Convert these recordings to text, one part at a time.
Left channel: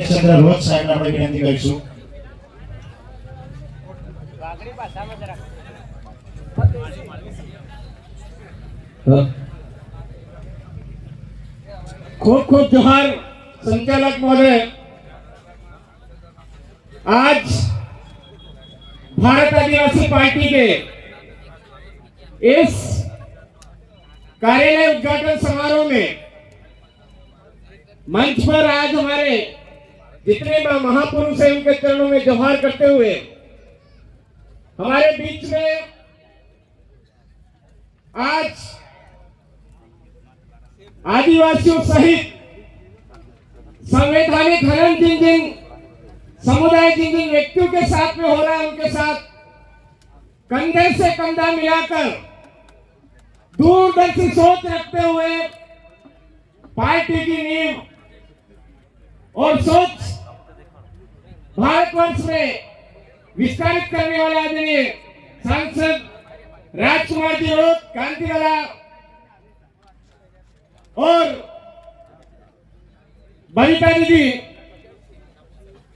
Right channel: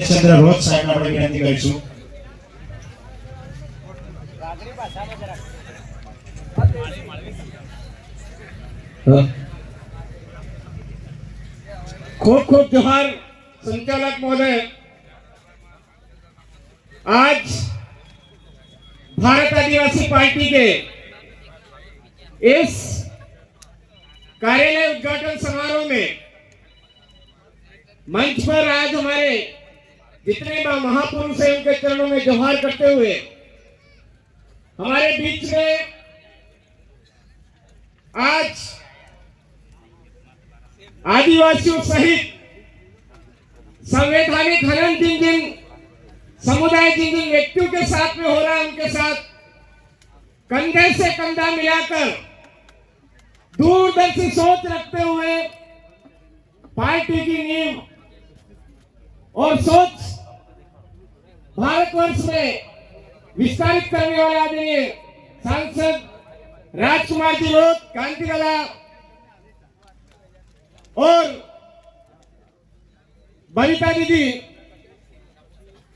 चंद्र रोज साहेब આપણે વિનંતી કરીશું। खूब खूब जोहार संचालक महोदय। आज भारत आदिवासी पार्टी के इस कार्यालय उद्घाटन समारोह में मंच पर आज हमारे जितने महापुरुष हैं उनके चरणों में जोहार करते हुए हमारे बीच में आज आदिवासियों सहित संवैधानिक हनन जिन समुदाय जिन व्यक्तियों के साथ में हो रहा है उनके साथ कंधे से कंधा मिलाकर दूरदर्शी सोच रखते हुए पार्टी की नींव और सोच भारतवर्ष में विस्तारित करने वाले आदरणीय सांसद राजकुमार जी रोड कांतिवाला और बनीता दीदी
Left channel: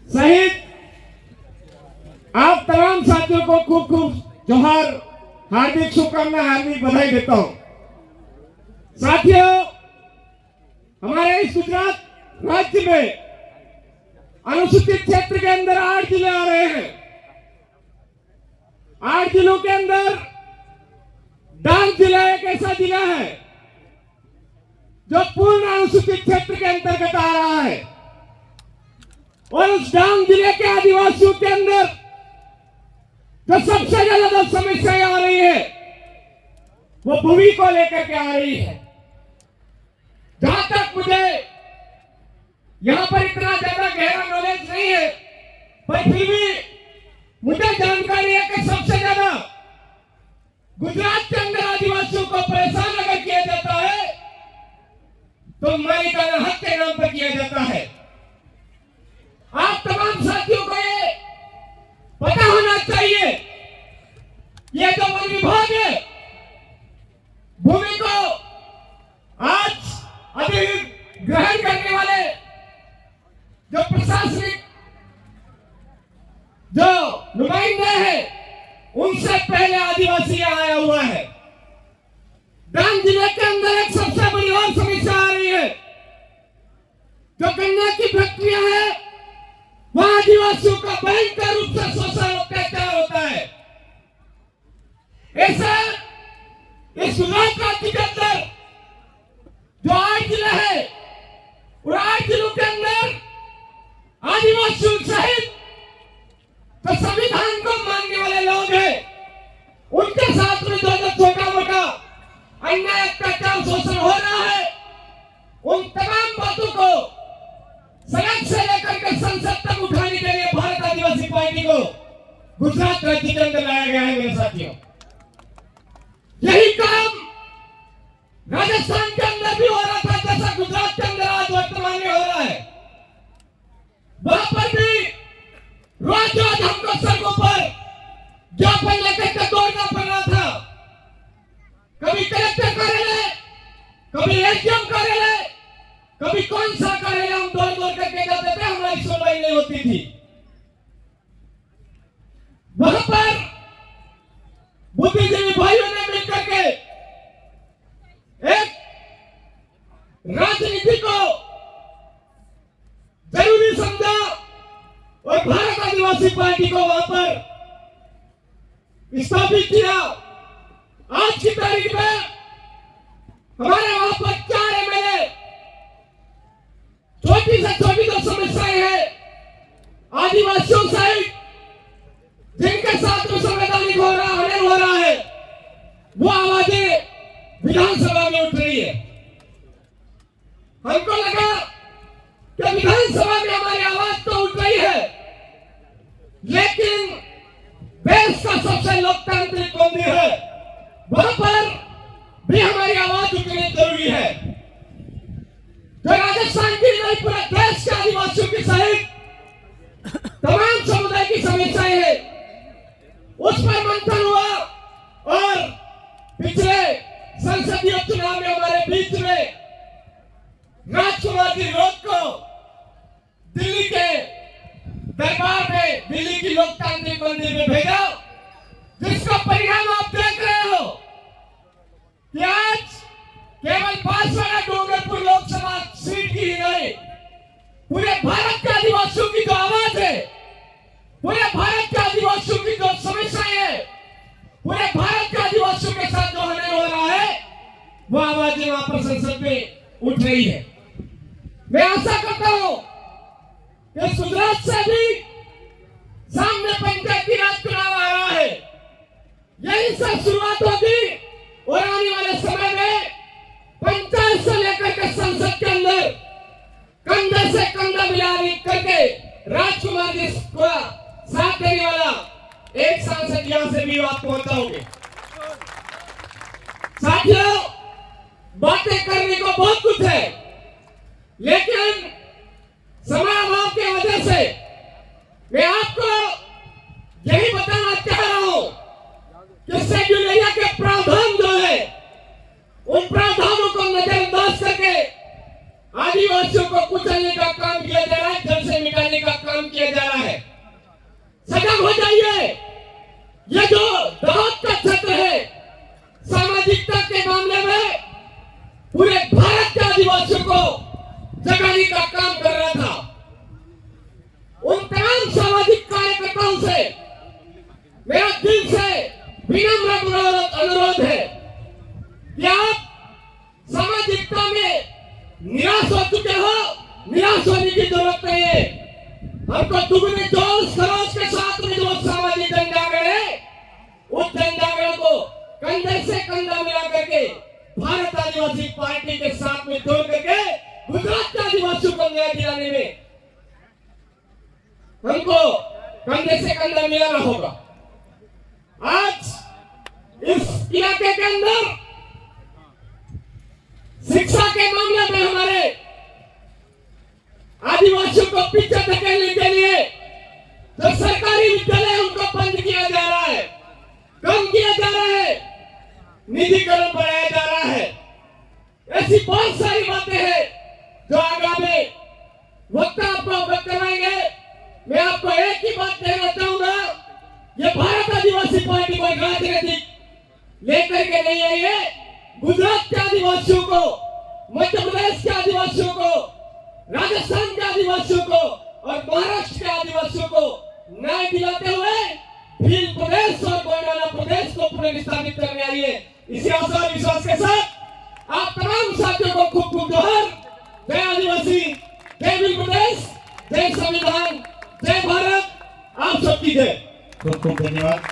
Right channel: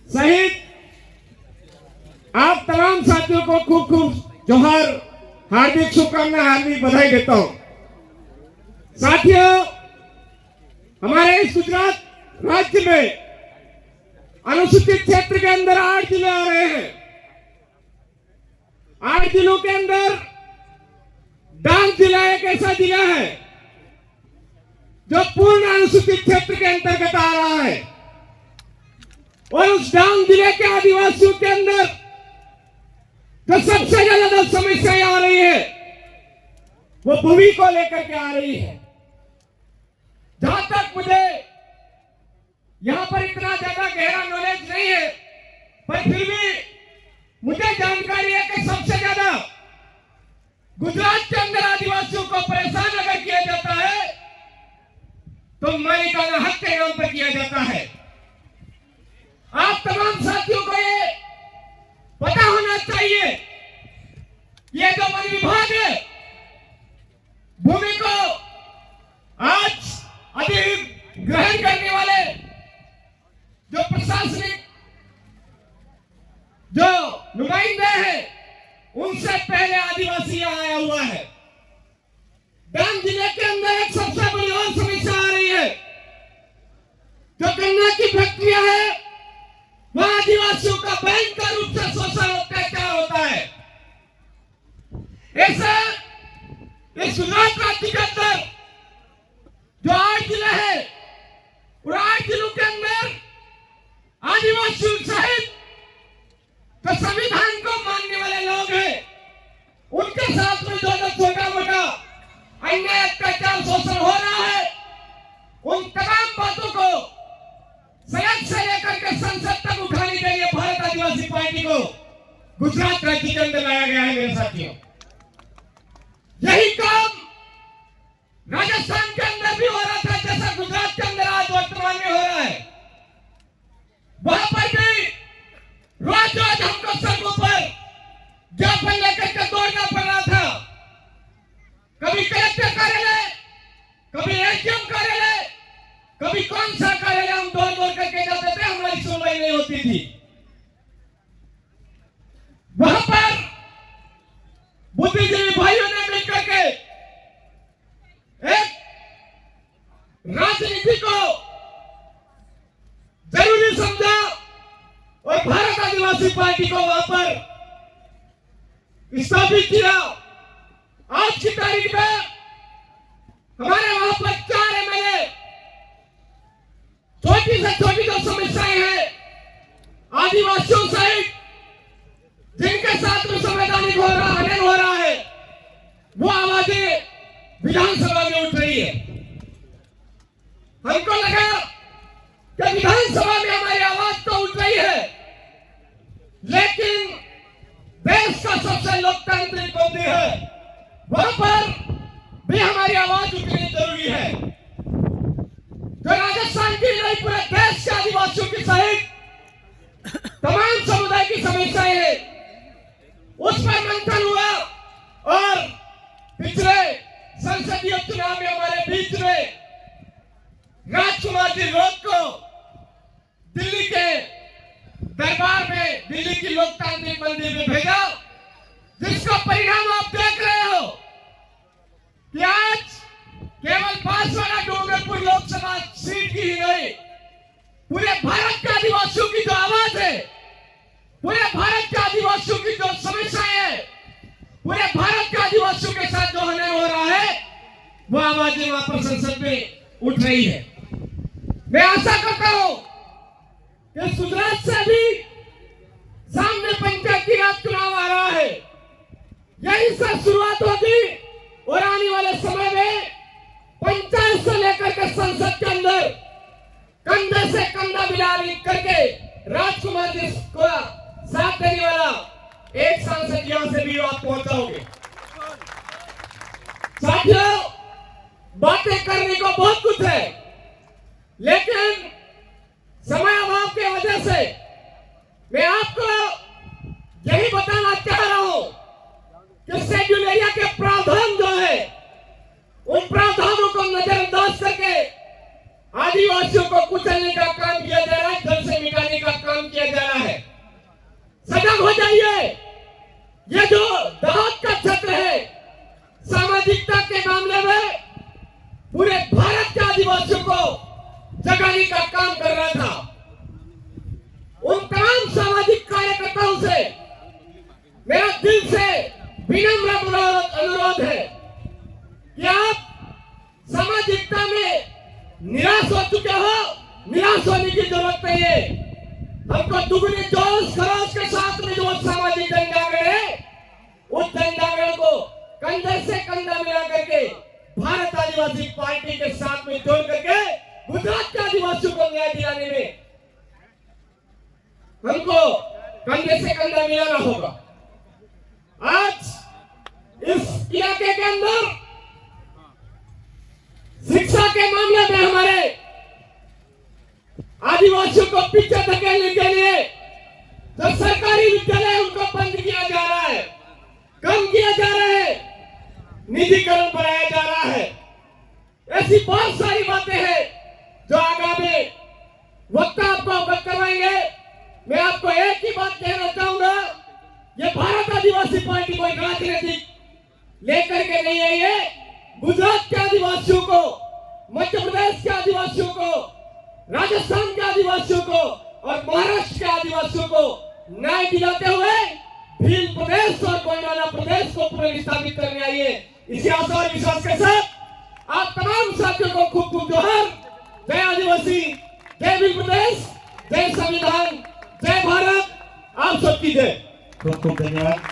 सहित आप तमाम साथियों को खूब खूब जोहार, हार्दिक शुभकामना, हार्दिक बधाई देता हूं। साथियों, हमारे इस गुजरात राज्य में अनुसूचित क्षेत्र के अंदर 8 जिले आ रहे हैं। 8 जिलों के अंदर डांग जिला एक ऐसा जिला है जो पूर्ण अनुसूचित क्षेत्र के अंतर्गत आ रहा है और उस डांग जिले के आदिवासियों के अंदर जो सबसे ज्यादा समस्याएं आ रही है वो भूमि को लेकर के आ रही है। जहां तक मुझे यहां पर इतना ज्यादा गहरा नॉलेज नहीं है, पर फिर भी मुझे जानकारी है कि सबसे ज्यादा गुजरात के अंदर आदिवासियों को परेशान अगर किया जाता है तो मालिकाना हक के नाम पर किया जाता है। आप तमाम साथियों को ये पता होना चाहिए, ये जो वन विभाग है भूमि को आज अधिग्रहण करने वाले जो प्रशासनिक जो नुमाइंदे हैं उनसे पहले आदिवासी आया हुआ है। डांग जिले के अंदर एक सबसे बड़ी और समस्या आ रही है, जो गन्ना की फैक्ट्रियां है वहां आदिवासियों का भयंकर रूप से शोषण अत्याचार होता है। ऐसा इस गुजरात राज्य के अंदर जो 8 जिले है और 8 जिलों के अंदर आदिवासियों सहित तो संविधान को मानने वाले लोग हैं, उनके साथ में जो छोटा मोटा अन्याय अत्याचार शोषण हो रहा है उन तमाम बातों को सड़क से लेकर के संसद तक उठाने के लिए भारत आदिवासी पार्टी को गुजरात राज्य के अंदर लाया गया है। मेरे साथियों, यही काम राजस्थान के अंदर भी हो रहा था जैसा गुजरात के अंदर आज वर्तमान में हो रहा है। वहां पर भी रोज रोज हमको सड़कों पर ज्ञापन लेकर के दौड़ना पड़ रहा था। कभी कलेक्टर कार्यालय, कभी एसडीएम कार्यालय, कभी कौन सा कार्यालय हम दौड़ दौड़ करके जाते थे, हमारी सुनवाई नहीं होती थी। वहां पर बुद्धिजीवी भाइयों ने मिलकर के एक राजनीति को जरूरी समझा और भारत आदिवासी पार्टी को वहां पर स्थापित किया। आज की तारीख में हमारे वहां पर 4 एमएलए छोटी से छोटी जो समस्याएं हैं आदिवासियों सहित जिनके साथ में संवैधानिक हो रहा है वो आवाजें विधानसभा में उठ रही है। हमको लगा कि विधानसभा में हमारी आवाज तो उठ रही है, लेकिन देश का सबसे लोकतांत्रिक मंदिर है वहां पर भी हमारी आवाज उठनी जरूरी है। जो राजस्थान की नहीं, पूरे देश के आदिवासियों की सहित तमाम समुदाय की समस्याएं हैं, उस पर मंथन हुआ और पिछले संसदीय चुनाव में हमारे बीच में राजकुमार जी रोड को दिल्ली के दिल्ली की लोकतांत्रिक मंदिर में भेजा, जिसका परिणाम आप देख रहे हो कि आज केवल बांसवाड़ा डूंगरपुर लोकसभा सीट की ही नहीं, पूरे भारत के आदिवासियों की जो आवाज है, पूरे भारत के आदिवासियों की जो समस्याएं है, पूरे भारत के आदिवासियों के साथ जो होने हो रहा है, वो आवाजें वहां पर संसद में उठ रही है। मैं आशा करता हूं कि गुजरात से भी सामने पंचायती राज चुनाव आ रहा है, यही से शुरुआत होगी और आने वाले समय में पंचायत से लेकर के संसद के अंदर कंधे से कंधा मिला करके राजकुमार जी को साथ देने वाला एक सांसद यहां से भी आप पहुंचाओगे। साथियों, बातें करने को बहुत कुछ है, लेकिन समय अभाव की वजह से मैं आपको यही बताना चाह रहा हूं कि शेड्यूल एरिया के प्रावधान जो है, उन प्रावधानों को नजरअंदाज करके आदिवासियों को कुचलने का काम किया जा रहा है, जल से मिटाने का काम किया जा रहा है। सजग हो जाइए। ये जो दाहक का क्षेत्र है, सामाजिकता के मामले में पूरे भारत के आदिवासियों को जगाने का काम कर रहा था। उन तमाम सामाजिक कार्यकर्ताओं से मेरा दिल से विनम्र अनुरोध है कि आप सामाजिकता में निराश हो चुके हो, निराश होने की जरूरत नहीं है। हमको दुगने जोश खरोश के साथ में जो सामाजिक जनजागरण है, उस जनजागरण को कंधे से कंधा मिला करके भारत आदिवासी पार्टी के साथ में जोड़ करके गुजरात के आदिवासियों को न्याय दिलाने में हमको कंधे से कंधा मिलाना होगा। आज इस इलाके के अंदर शिक्षा के मामले में हमारे आदिवासियों को पीछे धकेलने के लिए जो सरकारी विद्यालय उनको बंद किया जा रहा है, कम किया जा रहा है, निजीकरण बढ़ाया जा रहा है। ऐसी बहुत सारी बातें हैं जो आगामी वक्त आपको अवगत करवाएंगे। मैं आपको एक ही बात कहना चाहूंगा, ये भारत आदिवासी पार्टी कोई राजनीतिक लेकर के नहीं है। ये गुजरात के आदिवासियों को, मध्य प्रदेश के आदिवासियों को, राजस्थान के आदिवासियों को और महाराष्ट्र के आदिवासियों को न्याय दिलाते हुए भील प्रदेश और गोंडवाना प्रदेश को पुनर्स्थापित करने आई है। इसी आशा और विश्वास के साथ आप तमाम साथियों को खूब खूब जोहार। जय आदिवासी, जय भील प्रदेश, जय संविधान, जय भारत, आप सबकी जय। खूब खूब धन्यवाद।